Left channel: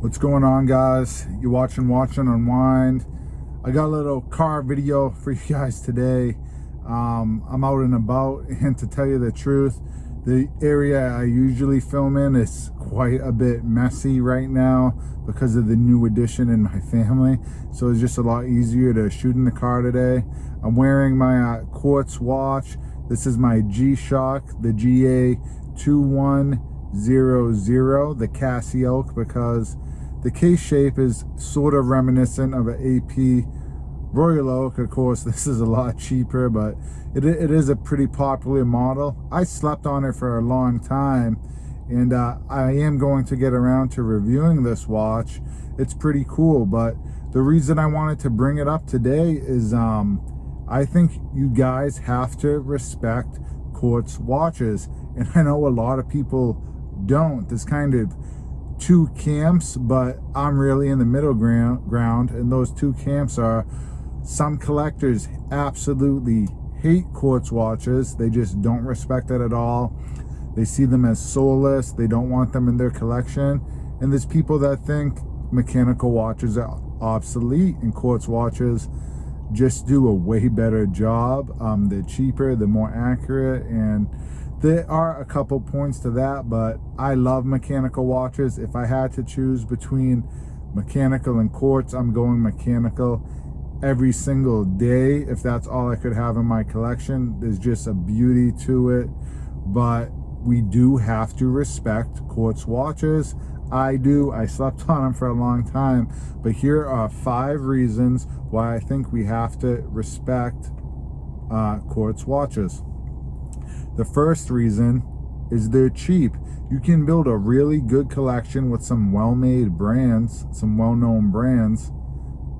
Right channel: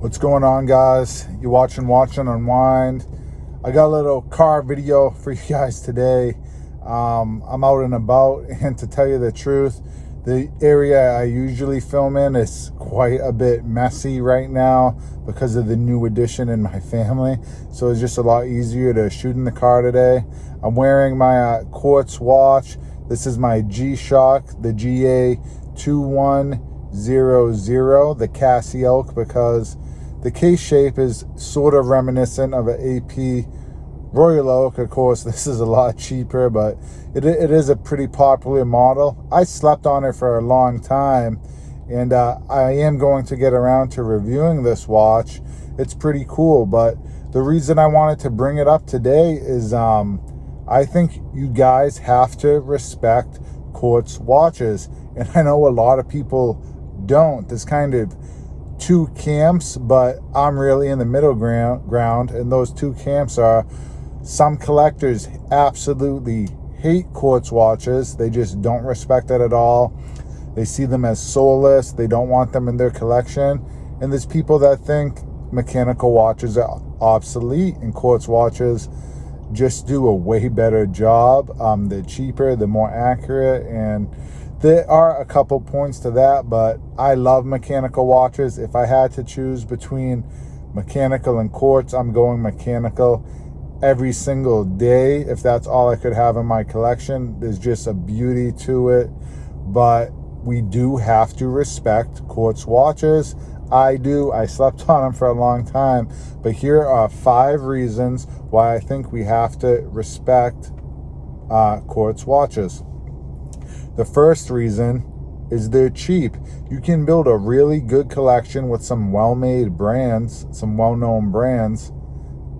What's going on, guys? You watching Unwind. I got a little car video for you guys today. I'm out and about, and to tell you the truth, the area I usually film in is quite a bit messy right now because of the new addition in my family. So it's just a lot easier to shoot in the car today. I'm wearing my Quartz watch. This is my G-Shock, the GA2100, the Casio, because the case shape is sort of reminiscent of an AP Royal Oak. Of course, this is a lot cheaper, but it is a pretty popular model. I slept on it for a long time, and I am going to get around to reviewing this watch. It's pretty cool, but the reason I wanted to bring it up today is I think you guys have to respect Quartz watches, and I know a lot of people don't. There's kind of two camps, but I'm really in the middle ground, and those two camps are: some collectors absolutely hate Quartz watches. They just don't respect it at all. They see them as soulless. They don't want them in their collection. And there's people that think mechanical watches are obsolete, and Quartz watches just do a way better job. They're cheaper, they're more accurate, and there are a couple points to that, but I love mechanical watches. If I had to choose between mechanical and Quartz, I'm going mechanical every single day. If that's all I could have in my collection, there's just a beauty to it. But we do have to respect Quartz watches. I do. I slept on them for a long time. But here are 5 reasons why I think we have to respect Quartz watches. The first reason is they're cheap. You can build a really good collection with some well-made brands, some well-known brands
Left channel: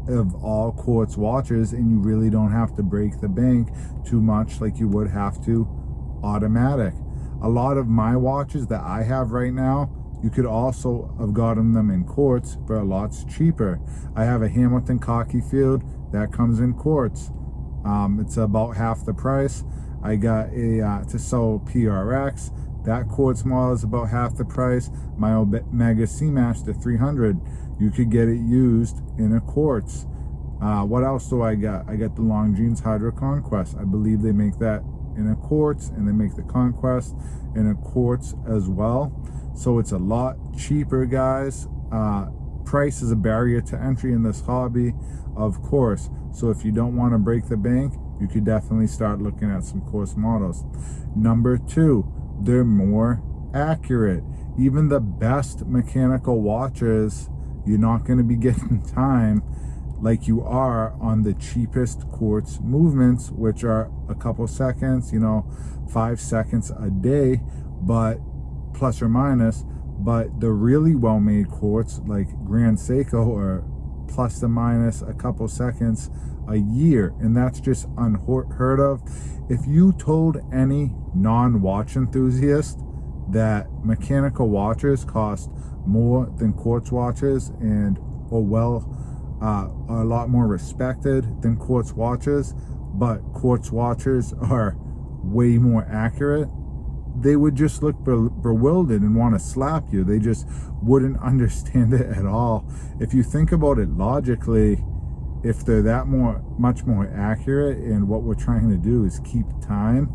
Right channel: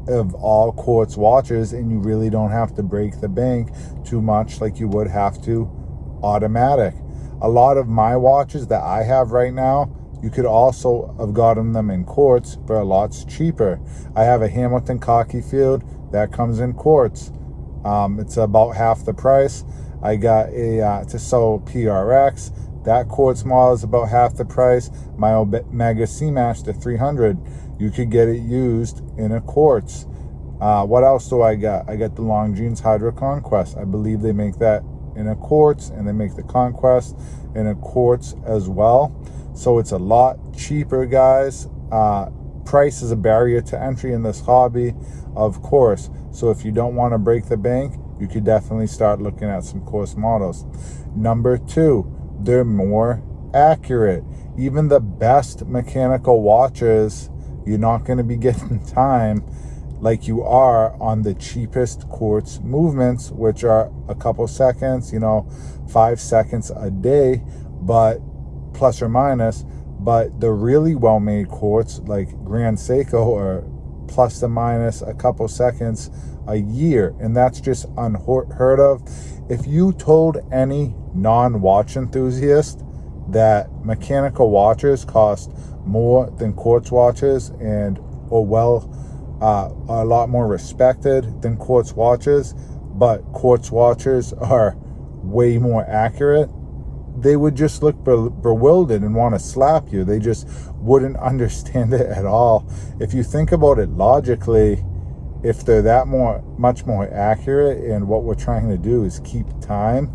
of all Quartz watches, and you really don't have to break the bank too much like you would have to automatic. A lot of my watches that I have right now, you could also have gotten them in Quartz for a lot cheaper. I have a Hamilton Cocky Field that comes in Quartz. It's about half the price. I got a Tissot PRX. That Quartz model is about half the price. My Omega Seamaster 300, you could get it used in a Quartz. What else do I got? I got the Longines Hydro Conquest. I believe they make that in a Quartz, and they make the Conquest in a Quartz as well. So it's a lot cheaper, guys. Price is a barrier to entry in this hobby, of course. So if you don't want to break the bank, you could definitely start looking at some Quartz models. Number 2, they're more accurate. Even the best mechanical watches, you're not going to be getting time like you are on the cheapest Quartz movements, which are a couple seconds, 5 seconds a day, but plus or minus. But the really well-made Quartz, like Grand Seiko, are plus or minus a couple seconds a year, and that's just unheard of. If you told any non-watch enthusiast that mechanical watches cost more than Quartz watches and are a lot more respected than Quartz watches, but Quartz watches are way more accurate, they would just look bewildered and want to slap you. They just wouldn't understand it at all. If you think about it logically, if they're that much more accurate, and what we're trying to do is keep time,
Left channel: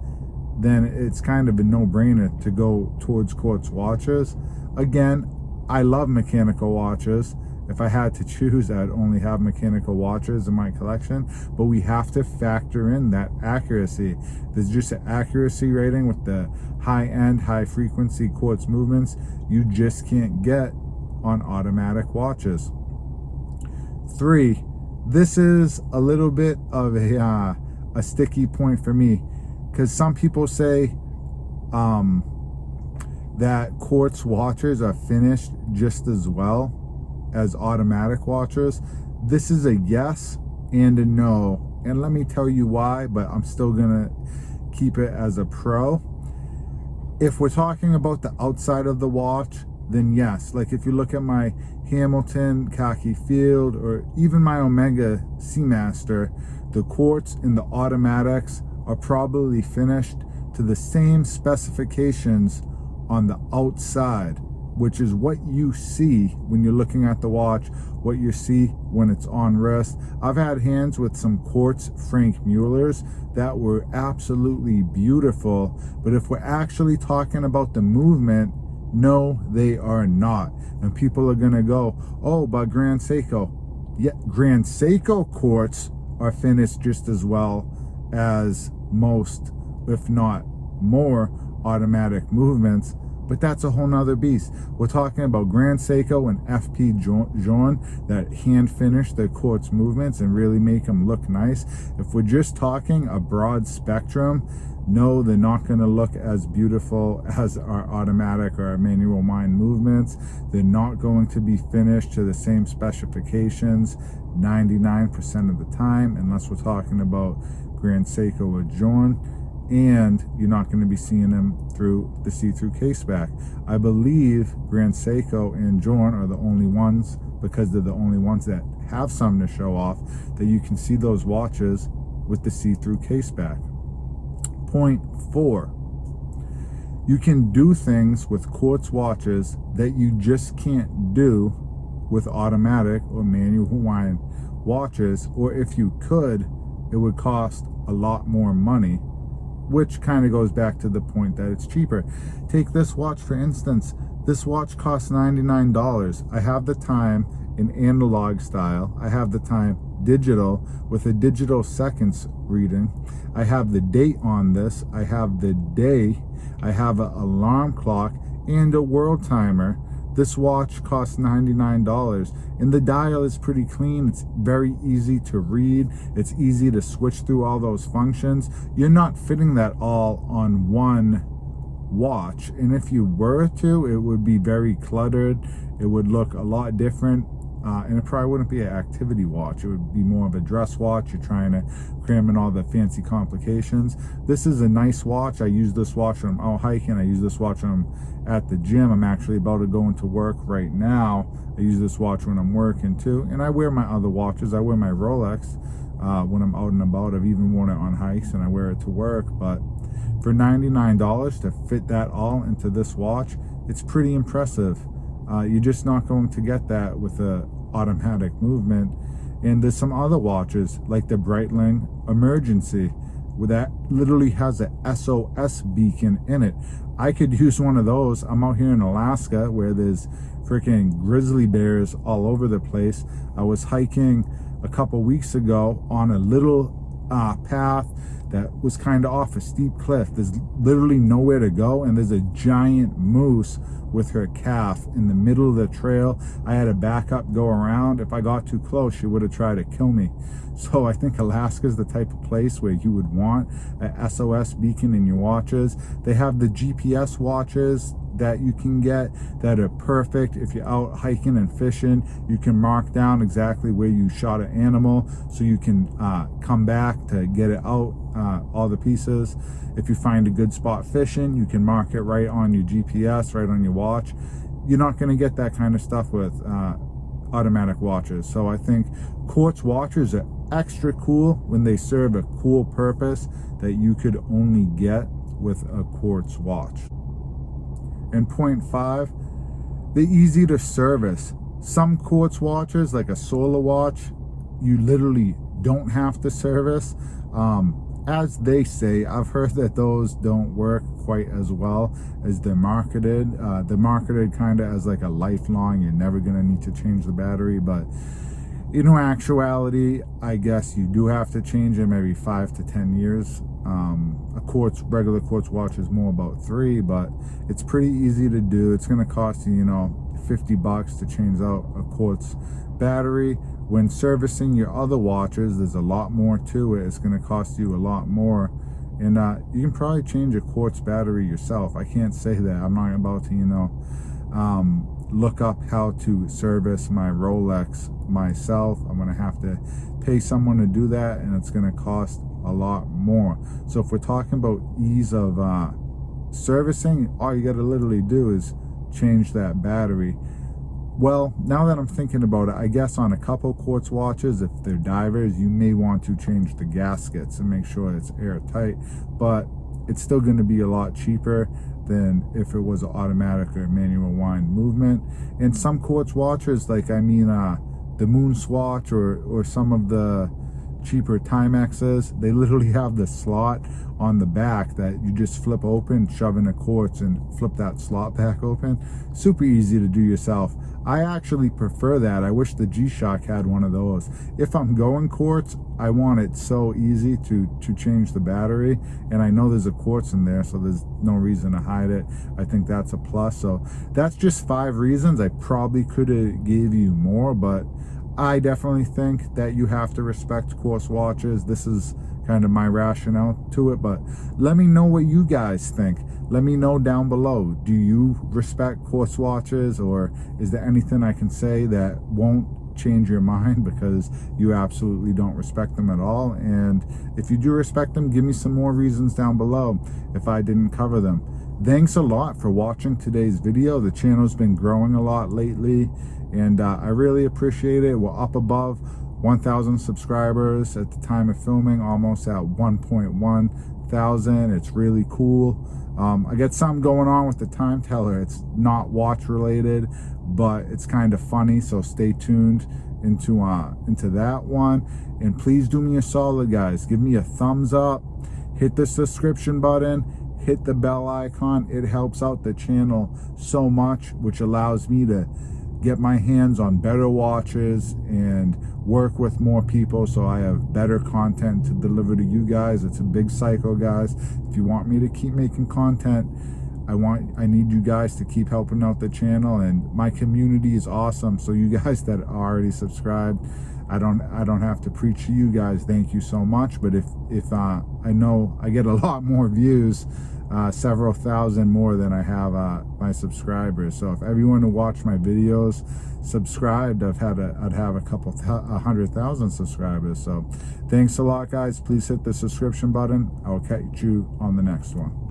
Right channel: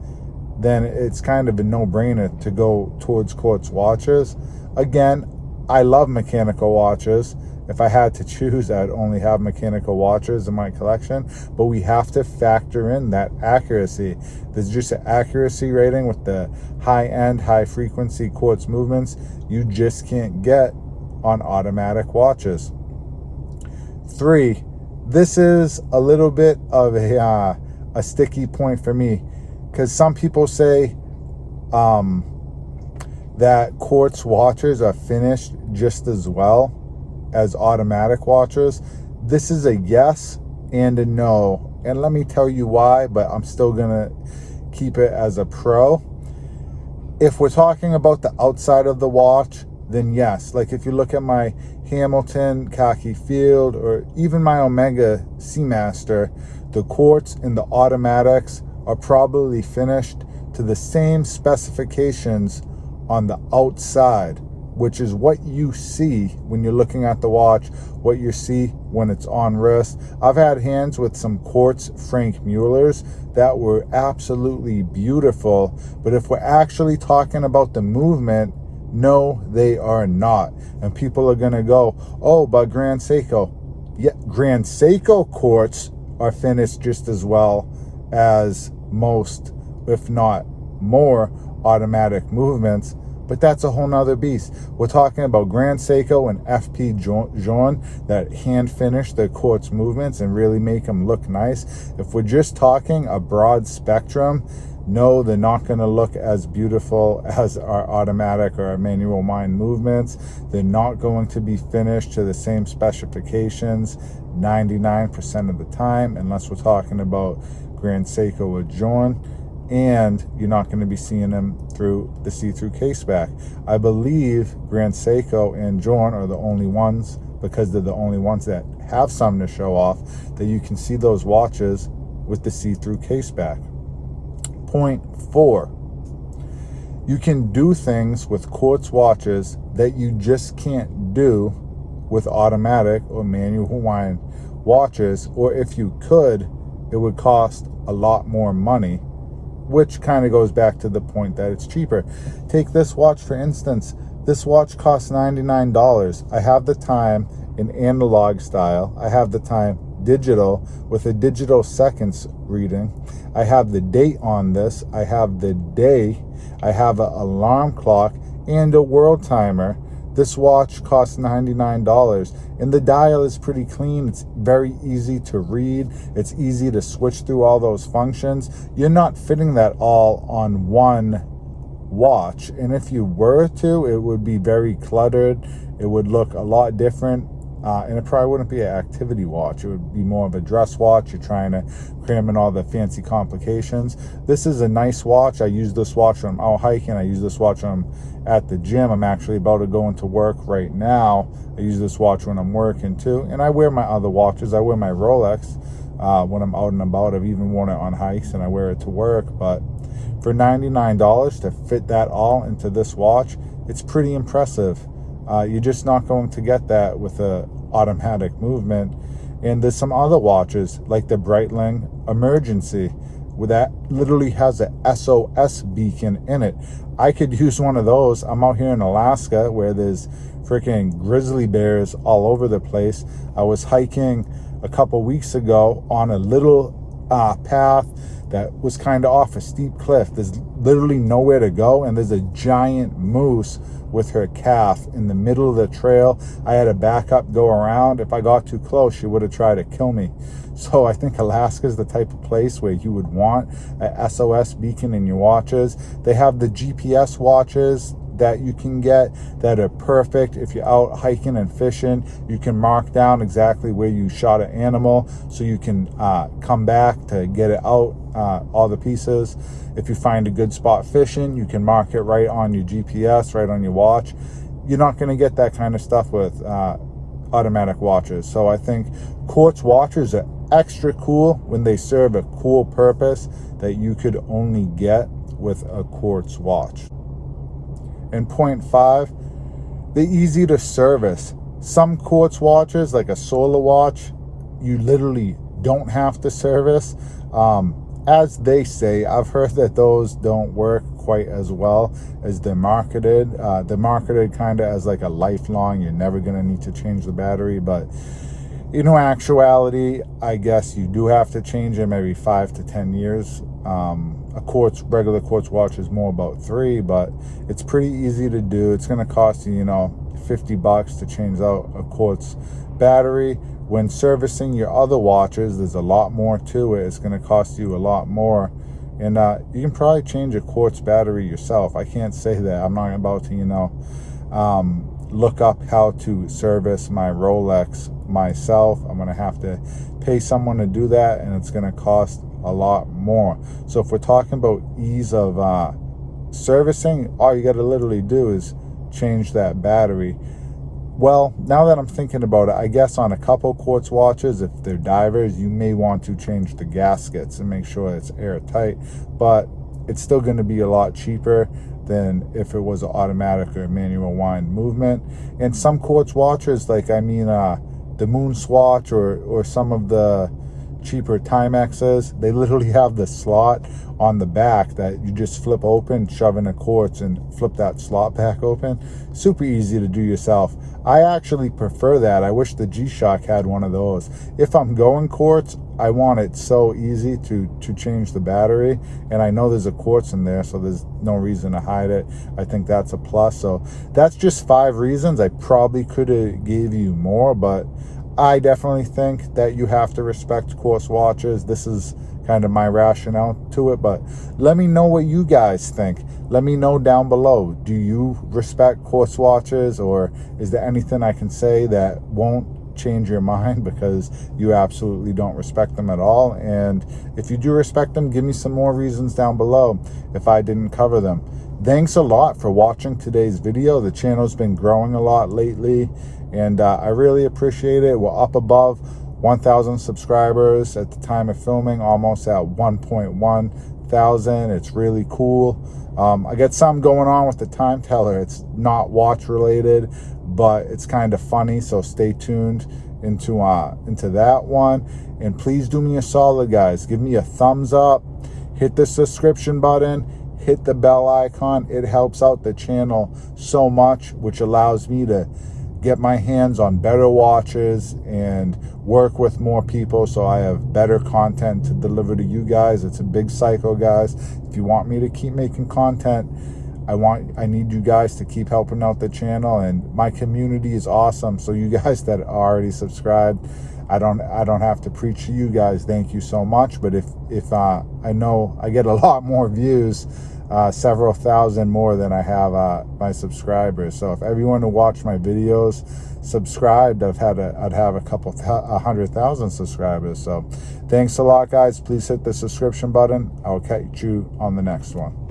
then it's kind of a no-brainer to go towards Quartz watches. Again, I love mechanical watches. If I had to choose, I'd only have mechanical watches in my collection, but we have to factor in that accuracy. There's just an accuracy rating with the high-end, high-frequency Quartz movements you just can't get on automatic watches. 3, this is a little bit of a sticky point for me, because some people say that Quartz watches are finished just as well as automatic watches. This is a yes and a no, and let me tell you why, but I'm still gonna keep it as a pro. If we're talking about the outside of the watch, then yes. Like if you look at my Hamilton Cocky Field, or even my Omega Seamaster, the Quartz and the automatics are probably finished to the same specifications on the outside which is what you see when you're looking at the watch, what you see when it's on wrist. I've had hands with some Quartz Frank Muellers that were absolutely beautiful, but if we're actually talking about the movement, no, they are not. And people are gonna go, oh, but Grand Seiko. Yeah, Grand Seiko quartz are finished just as well as most, if not more, automatic movements, but that's a whole nother beast. We're talking about Grand Seiko and FP Journe that hand finish their quartz movements and really make them look nice. If we're just talking a broad spectrum, no, they're not going to look as beautiful as our automatic or our manual wind movements. They're not going to be finished to the same specifications 99% of the time, unless we're talking about Grand Seiko or Journe. And you're not going to be seeing them through the see-through case back. I believe Grand Seiko and Journe are the only ones, because they're the only ones that have something to show off, that you can see those watches with the see-through case back. Point 4, you can do things with quartz watches that you just can't do with automatic or manual wind watches, or if you could, it would cost a lot more money, which kind of goes back to the point that it's cheaper. Take this watch for instance. This watch costs $99. I have the time in analog style. I have the time digital with a digital seconds reading. I have the date on this. I have the day. I have an alarm clock and a world timer. This watch costs $99, and the dial is pretty clean. It's very easy to read. It's easy to switch through all those functions. You're not fitting that all on one watch, and if you were to, it would be very cluttered. It would look a lot different, and it probably wouldn't be an activity watch. It would be more of a dress watch. You're trying to cram in all the fancy complications. This is a nice watch. I use this watch when I'm out hiking. I use this watch when I'm at the gym. I'm actually about to go into work right now. I use this watch when I'm working too, and I wear my other watches. I wear my Rolex when I'm out and about. I've even worn it on hikes, and I wear it to work. But for $99 to fit that all into this watch, it's pretty impressive. You're just not going to get that with a automatic movement. And there's some other watches like the Breitling Emergency, where that literally has a SOS beacon in it. I could use one of those. I'm out here in Alaska where there's freaking grizzly bears all over the place. I was hiking a couple weeks ago on a little path that was kind of off a steep cliff. There's literally nowhere to go, and there's a giant moose with her calf in the middle of the trail. I had to back up, go around. If I got too close, she would have tried to kill me. So I think Alaska is the type of place where you would want a SOS beacon in your watches. They have the GPS watches that you can get that are perfect. If you're out hiking and fishing, you can mark down exactly where you shot an animal, so you can come back to get it out, all the pieces. If you find a good spot fishing, you can mark it right on your GPS, right on your watch. You're not going to get that kind of stuff with automatic watches. So I think quartz watches are extra cool when they serve a cool purpose that you could only get with a quartz watch. And point 5, they're easy to service. Some quartz watches, like a solar watch, you literally don't have to service. As they say, I've heard that those don't work quite as well as they're marketed. They're marketed kind of as like a lifelong, you're never going to need to change the battery, but in actuality, I guess you do have to change them every 5 to 10 years. A regular quartz watch is more about 3, but it's pretty easy to do. It's going to cost you, $50 to change out a quartz battery. When servicing your other watches, there's a lot more to it. It's going to cost you a lot more. And you can probably change a quartz battery yourself. I can't say that. I'm not about to, look up how to service my Rolex myself. I'm going to have to pay someone to do that, and it's going to cost a lot more. So if we're talking about ease of servicing, all you got to literally do is change that battery. Well, now that I'm thinking about it, I guess on a couple quartz watches, if they're divers, you may want to change the gaskets and make sure it's airtight, but it's still going to be a lot cheaper. than if it was an automatic or manual wind movement. And some quartz watches, like the Moon Swatch or some of the cheaper Timexes, they literally have the slot on the back that you just flip open, shove in a quartz, and flip that slot back open. Super easy to do yourself. I actually prefer that. I wish the G-Shock had one of those. If I'm going quartz, I want it so easy to change the battery, and I know there's a quartz in there, so there's no reason to hide it. I think that's a plus. So that's just 5 reasons. I probably could have gave you more, but I definitely think that you have to respect quartz watches. This is kind of my rationale to it, but let me know what you guys think. Let me know down below. Do you respect quartz watches, or is there anything I can say that won't change your mind because you absolutely don't respect them at all? And if you do respect them, give me some more reasons down below if I didn't cover them. Thanks a lot for watching today's video. The channel's been growing a lot lately, and I really appreciate it. We're up above 1,000 subscribers at the time of filming, almost at 1.1 thousand. It's really cool. I got something going on with the time teller. It's not watch related, but it's kind of funny, so stay tuned into that one. And please do me a solid, guys. Give me a thumbs up, hit the subscription button, hit the bell icon. It helps out the channel so much, which allows me to get my hands on better watches and work with more people, so I have better content to deliver to you guys. It's a big cycle, guys. If you want me to keep making content, I need you guys to keep helping out the channel, and my community is awesome. So you guys that are already subscribed, I don't have to preach to you guys. Thank you so much. But if I know I get a lot more views, several thousand more than I have my subscribers. So if everyone who watched my videos subscribed, I'd have a couple 100,000 subscribers. So thanks a lot, guys. Please hit the subscription button. I'll catch you on the next one.